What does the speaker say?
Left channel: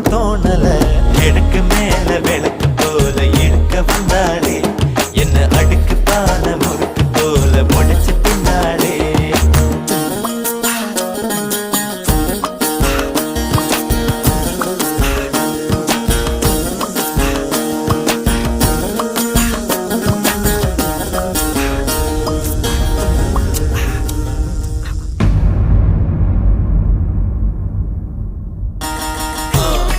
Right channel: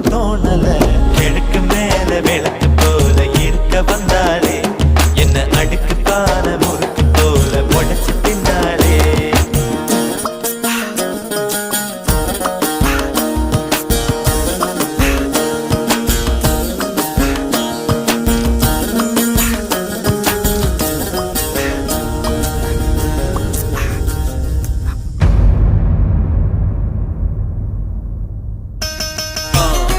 ஒன்னும் தோணல. கிழக்கு மேல விளக்கு போல இருக்க வந்தாளே, என்ன அடுக்கு பான முறுக்கு போல உடைச்ச